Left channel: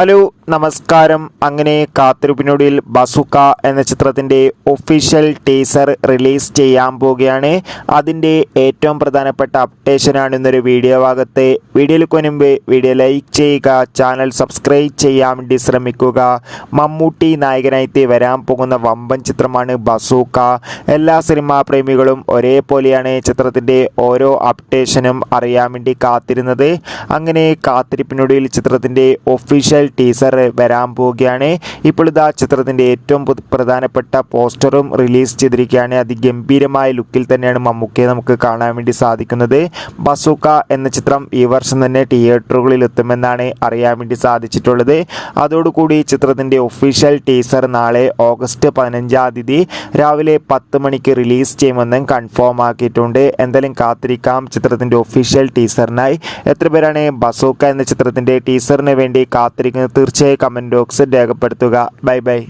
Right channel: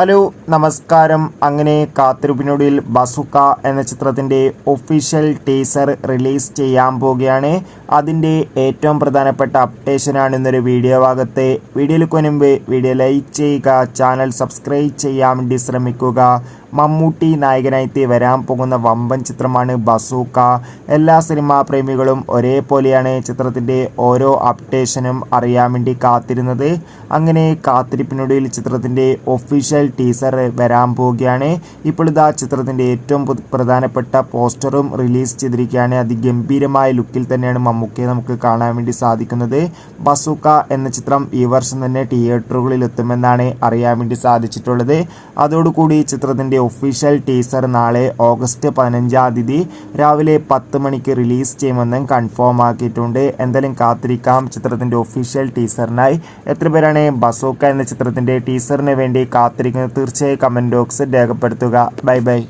Hello നമസ്കാരം. അങ്ങനെ കാത്തിരിപ്പിനൊടുവിൽ ബസുക്ക എന്ന ചിത്രത്തിൻ്റെ ഒഫീഷ്യൽ ടീസർ റിലീസ് ചെയ്യാൻ പോവുകയാണ്. അതിൻ്റെ ഏറ്റവും പ്രധാനപ്പെട്ട അപ്ഡേഷനാണ് ഇന്നൊരു വീഡിയോ ഭാഗത്ത്. വീഡിയോയിലേക്ക് മുൻപ് വീഡിയോ ലൈക്ക് ചെയ്യുക, ചാനൽ സബ്സ്ക്രൈബ് ചെയ്യാൻ വേണ്ടി ശ്രമിക്കുക. മമ്മൂട്ടി നായകനായിട്ട് വരാൻ പോകുന്ന വമ്പൻ ചിത്രമാണ് ബസുക്ക. എല്ലാ സിനിമാ പ്രേമികളും ഒരേപോലെയാണ് ചിത്രത്തിൻ്റെ ഓരോ അപ്ഡേഷനും അറിയാൻ വേണ്ടി കാത്തിരുന്നത്. അങ്ങനെ കാത്തിരിപ്പിനൊടുവിൽ ചിത്രത്തിൻ്റെ ഒഫീഷ്യൽ ടീസർ വരാൻ പോവുകയാണ്. ഇപ്പോൾ ഇതാ ചിത്രത്തിൻ്റെ ഏറ്റവും പ്രധാനപ്പെട്ട പോസ്റ്ററും റിലീസ് ചെയ്തിരിക്കുകയാണ്. അതിഗംഭീരമായ ലുക്കിൽ തന്നെയാണ് മമ്മൂക്കയെ നമുക്ക് കാണാൻ വേണ്ടി സാധിക്കുന്നത്. ബസുക്ക എന്ന ചിത്രം ഈ വർഷം തന്നെ തിയേറ്ററുകളിൽ എത്തുമെന്നാണ് അറിയാൻ വേണ്ടി സാധിച്ചിട്ടുള്ളത്. അതോടുകൂടി ചിത്രത്തിൻ്റെ ഒഫീഷ്യൽ ടീസർ നാളെ ഓഗസ്റ്റ് 15 രാവിലെ 10 മണിക്ക് റിലീസ് ചെയ്യുമെന്നും കൺഫേം ആക്കിയിട്ടുണ്ട്. എന്തായാലും കാത്തിരിക്കാം ചിത്രത്തിൻ്റെ ഒഫീഷ്യൽ ടീസറിനായി. എത്ര പേരാണ് ബസുക്ക എന്ന ചിത്രത്തിൻ്റെ ടീസറിന് വേണ്ടി കാത്തിരിക്കുന്നത്? തീർച്ചയായും കമൻറ്റ് ബോക്സിൽ രേഖപ്പെടുത്തുക. Bye bye.